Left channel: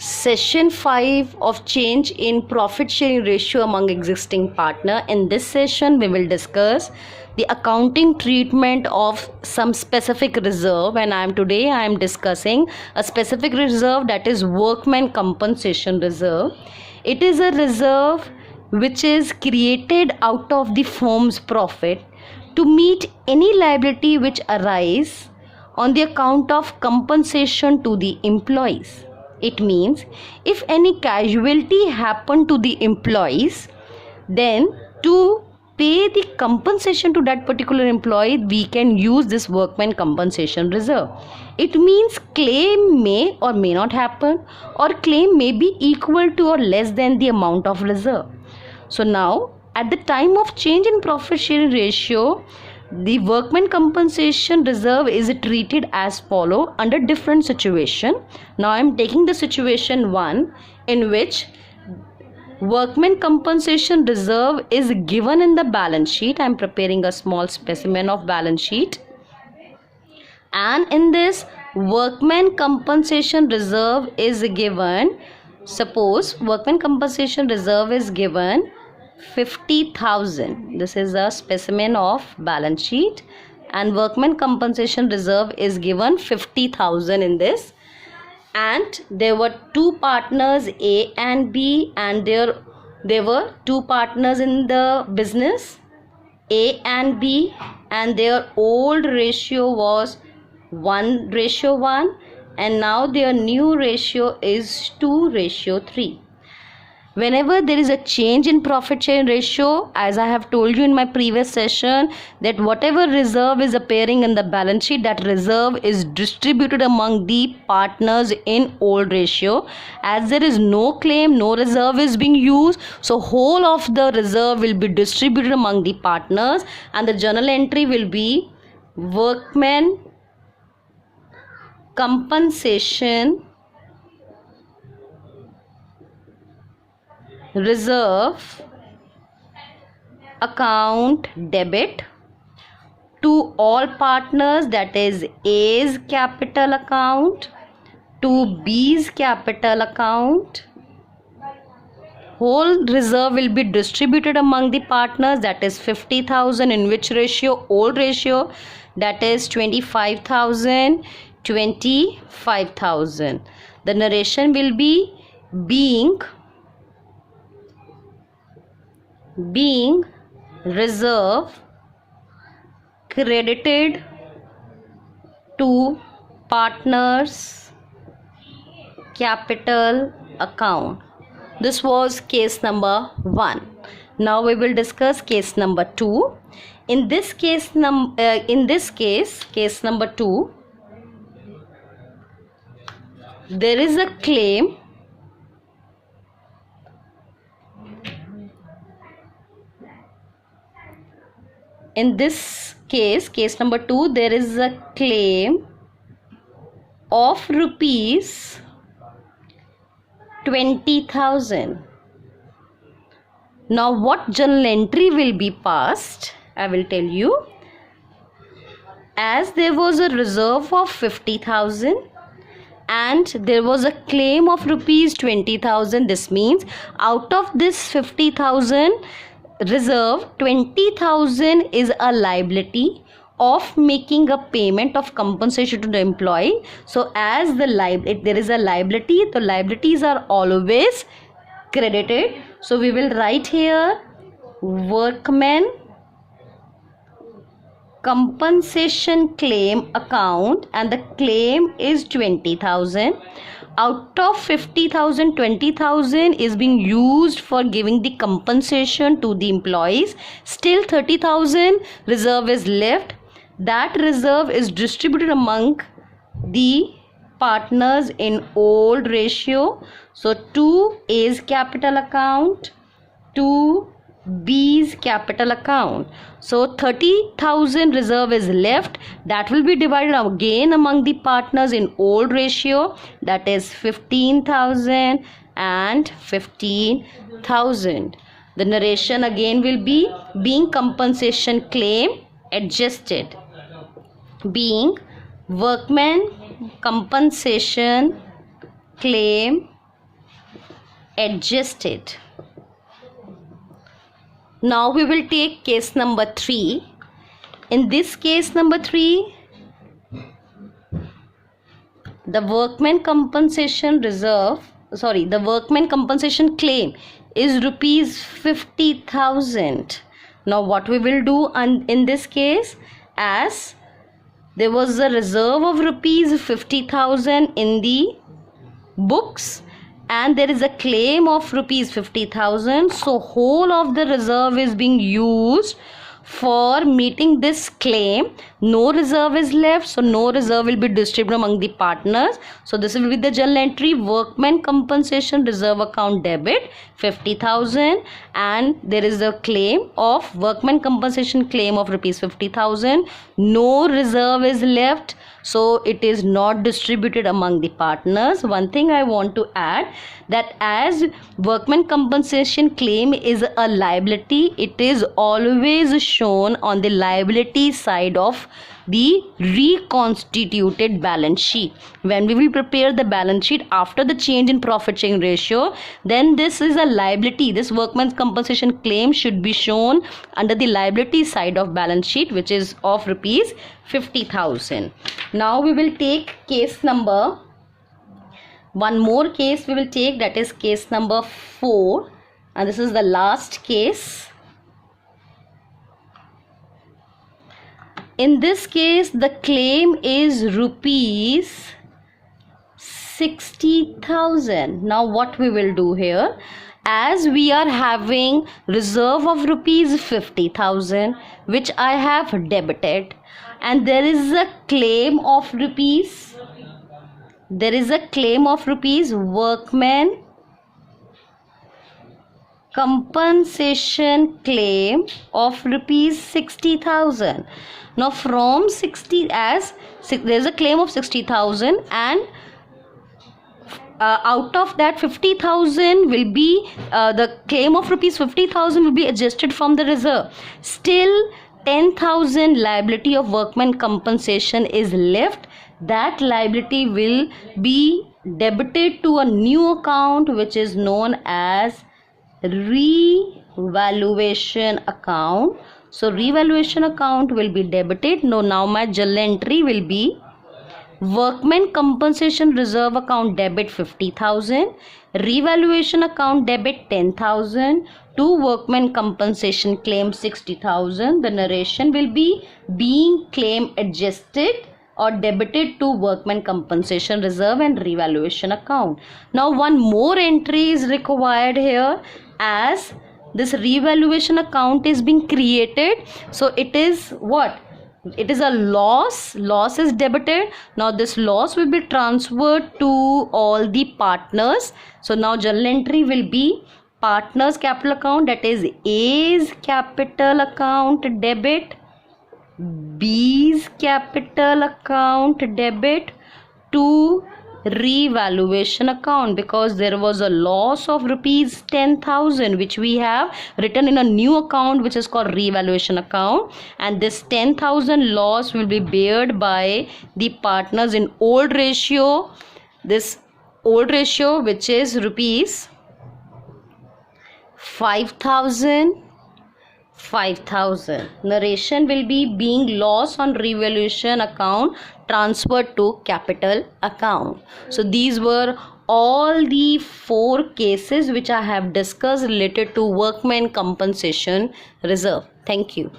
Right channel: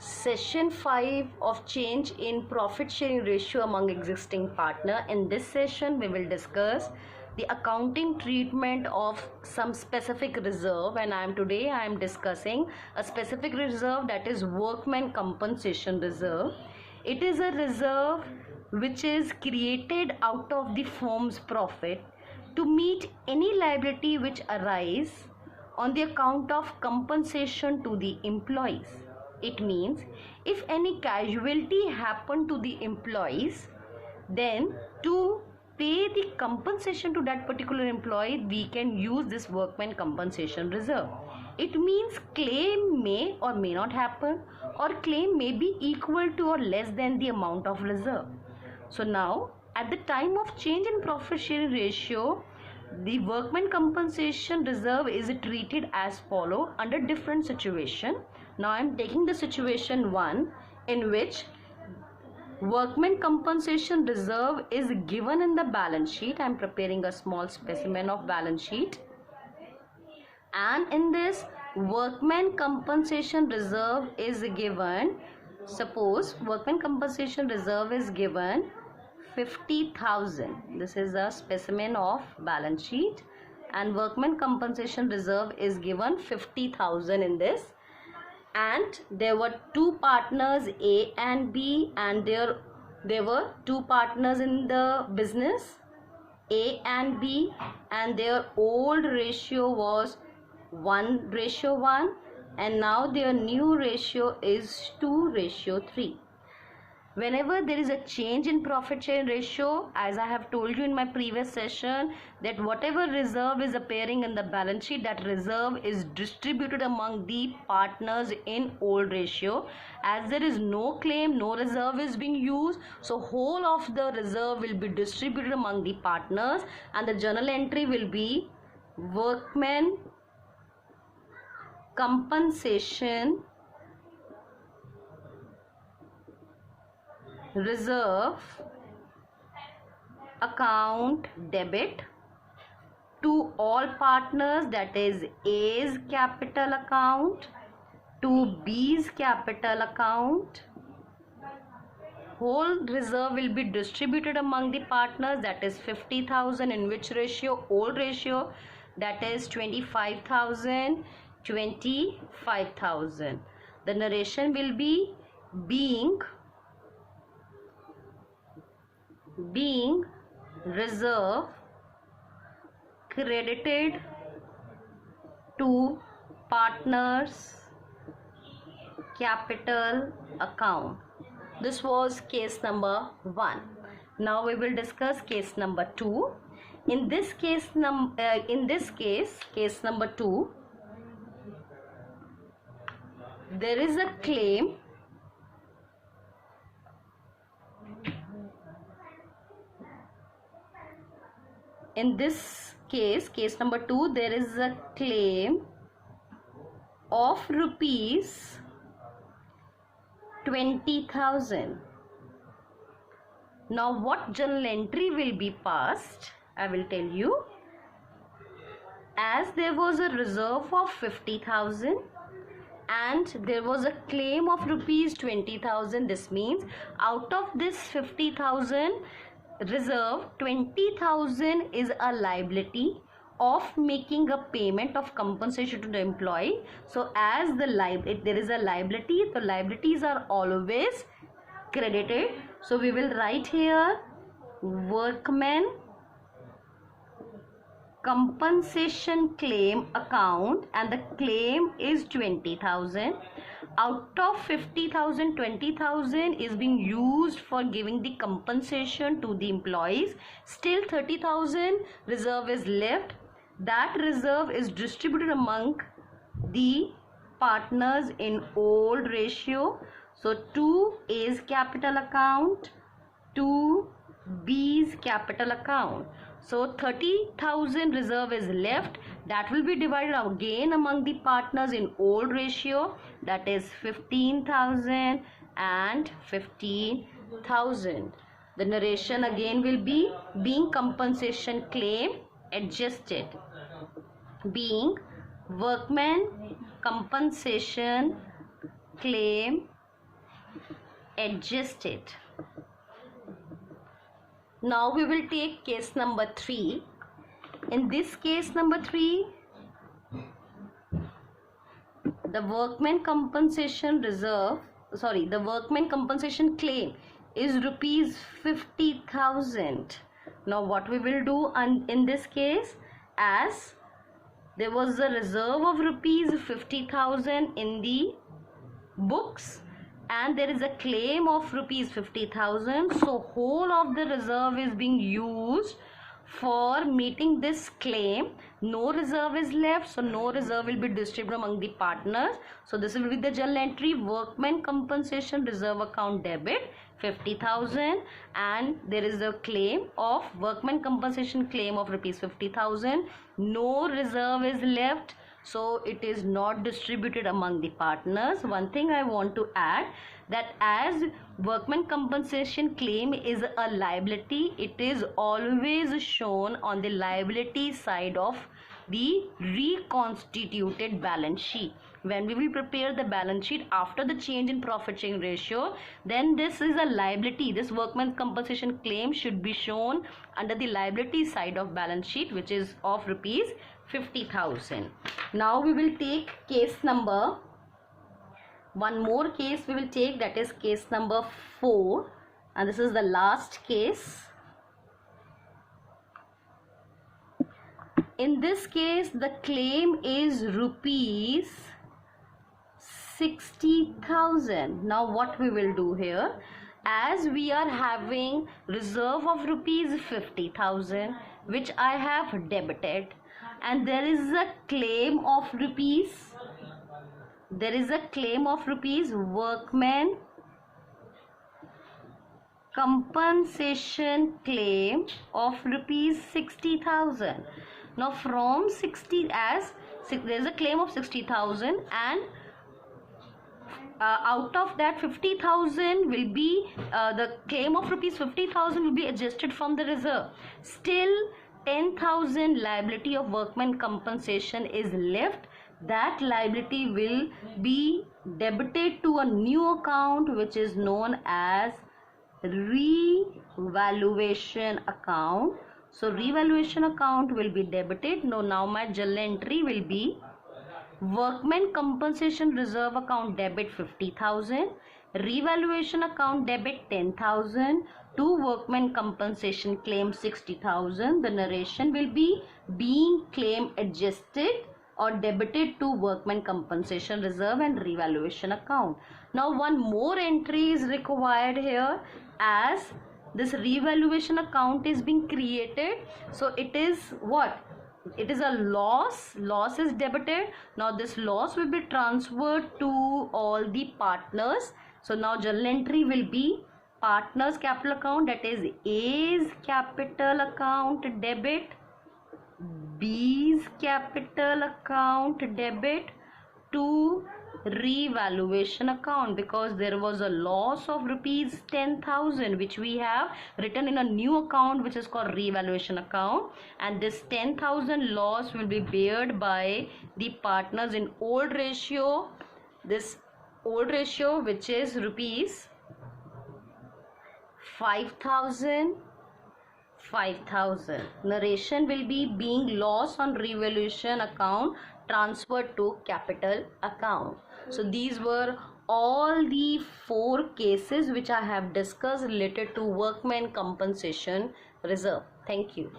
Session 5 of change in profit sharing ratio among existing partner. In this session, we will discuss the accounting treatment of some specific reserve, and today I am discussing a specific reserve, that is workman compensation reserve. It is a reserve which is created out of the firm's profit to meet any liability which arise on the account of compensation to the employees. It means if any casualty happened to the employees, then to pay the compensation to that particular employee, we can use this workman compensation reserve. It means claim may or may not happen, or claim may be equal to or less than the amount of reserve. So now, at the time of change in profit sharing ratio, the workman compensation reserve is treated as follow under different situation. Now I am taking the situation 1 in which workman compensation reserve is given in the balance sheet. I am preparing a small specimen of balance sheet, and in this workman compensation reserve is given, suppose workman compensation reserve is given 50,000. This is a specimen of balance sheet, and workman compensation reserve is given 50,000 in this. And there were two partners, A and B, and there were two partners in the business, A and B, and their old ratio was 1:1, and now their new ratio is 2:3. Whenever there is a change in profit sharing ratio, as I have told you in my previous session, that whatever reserve is appearing in the balance sheet, that reserve is distributed among the partners in old ratio. As there is no claim, no reserve is being used, so whole of the reserve will be distributed among the partners, and the journal entry will be workman compensation reserve account debit to all partners, that is A's capital account to B's capital account. Whole reserve will be distributed among the partners, that is 50,000, in which ratio? Old ratio, that is 25,000, 25,000. The narration will be being reserve credited to partners capital account. This was case number 1. Now we will discuss case number 2. In this case, case number 2, there is a claim in this case number 2, there is a claim of rupees 20,000. Now what journal entry will be passed? I will tell you. As there was a reserve of 50,000 and there was a claim of rupees 20,000, this means out of this 50,000 reserve, 20,000 is a liability of making a payment of compensation to the employee. So as there is a liability, the liabilities are always credited. So we will write here workman compensation claim account, and the claim is 20,000. Out of 50,000, 20,000 is being used for giving the compensation to the employees. Still 30,000 reserve is left. That reserve is distributed among the partners in old ratio. So to A's capital account, to B's capital account. So 30,000 reserve is left, that will be divided again among the partners in old ratio, that is 15,000 and 15,000. The narration again will be being compensation claim adjusted, being workman compensation claim adjusted. Now we will take case number 3. In this case number 3, the workman compensation claim is rupees 50,000. Now what we will do in this case, as there was a reserve of rupees 50,000 in the books and there is a claim of rupees 50,000, so whole of the reserve is being used for meeting this claim. No reserve is left, so no reserve will be distributed among the partners. So this will be the journal entry: workman compensation reserve account debit 50,000, and there is a claim of workman compensation claim of rupees 50,000. No reserve is left, so it is not distributed among the partners. One thing I want to add, that as workman compensation claim is a liability, it is always shown on the liability side of the reconstituted balance sheet. When we will prepare the balance sheet after the change in profit sharing ratio, then this is a liability. This workman's compensation claim should be shown under the liability side of balance sheet, which is of rupees 50,000. Now we will take one more case we will take, that is case number 4, and this is the last case. In this case, the claim is rupees 60,000. Now what we will do here, as we are having reserve of rupees 50,000 which I have debited, and there is a claim of rupees workman compensation claim of rupees 60,000. Now from 60, as there is a claim of 60,000, and out of that 50,000 will be the claim of rupees 50,000 will be adjusted from the reserve. Still 10,000 liability of workman compensation is left. That liability will be debited to a new account which is known as revaluation account. So revaluation account will be debited. Now my journal entry will be workman compensation reserve account debit 50,000, revaluation account debit 10,000, to workman compensation claim 60,000. The narration will be being claim adjusted or debited to workman compensation reserve and revaluation account. Now one more entry is required here, as this revaluation account is being created. So it is what? It is a loss is debited. Now this loss will be transferred to all the partners. So now journal entry will be partners capital account, that is A's capital account debit, B's capital account debit to revaluation account, because there was a loss of rupees 10,000 which we have written in a new account which is called revaluation account, and this 10,000 loss will be bared by the partners in old ratio. This old ratio, which is rupees 5,000. Narration will be being loss on revaluation account transferred to capital account. So these were all the 4 cases which I have discussed related to workman compensation reserve. Thank you.